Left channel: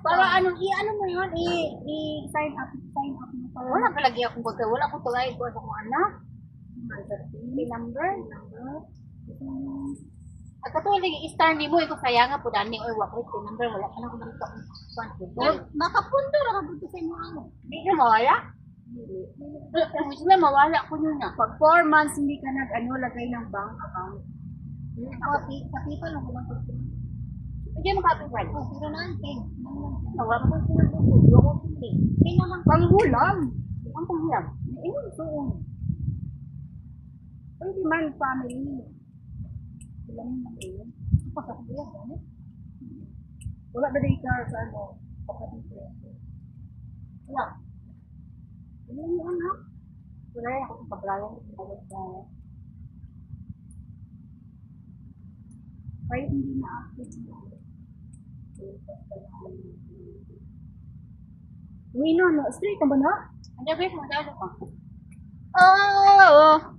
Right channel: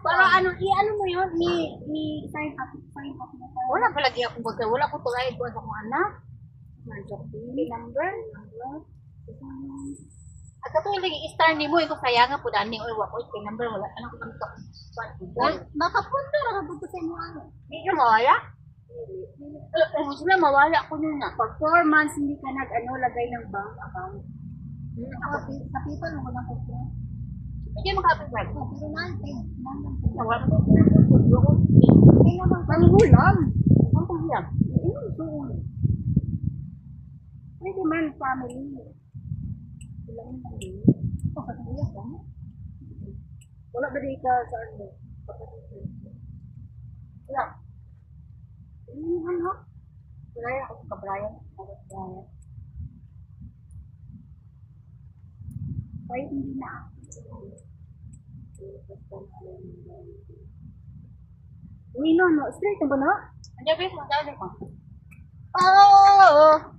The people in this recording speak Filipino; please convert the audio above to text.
Para ano, i-ano mo yun, sign up mo para. Wala palagi akong baga. Wala ko tulay ko sa mga anak. Number. At katulad lagi star ni mo, ikaw kaya nga po dani or wako ito number wala ka lang kung Well, makapunta ra ka sa inyo ano. Hindi ka mawala? Kung gusto na mawala ko nyo na. Pag 4 months hindi ka lagay ng bank account. Kapital mo lang po. Hindi makapag Pero natin. Nawala ko ito. Hindi naman panghulam. Ang panghiram. Iyon doon. Pwede man family. Ilang lang yun. Pagkakuyas, ano? Wala ba di ka sa ano? Pagkakuyas. Wala. Ano yung anak? Wala ako sa kabrayan. Kaya hindi na active. Uy, no. Straight na ba na? Ang jabi, mga dami ko. Oo.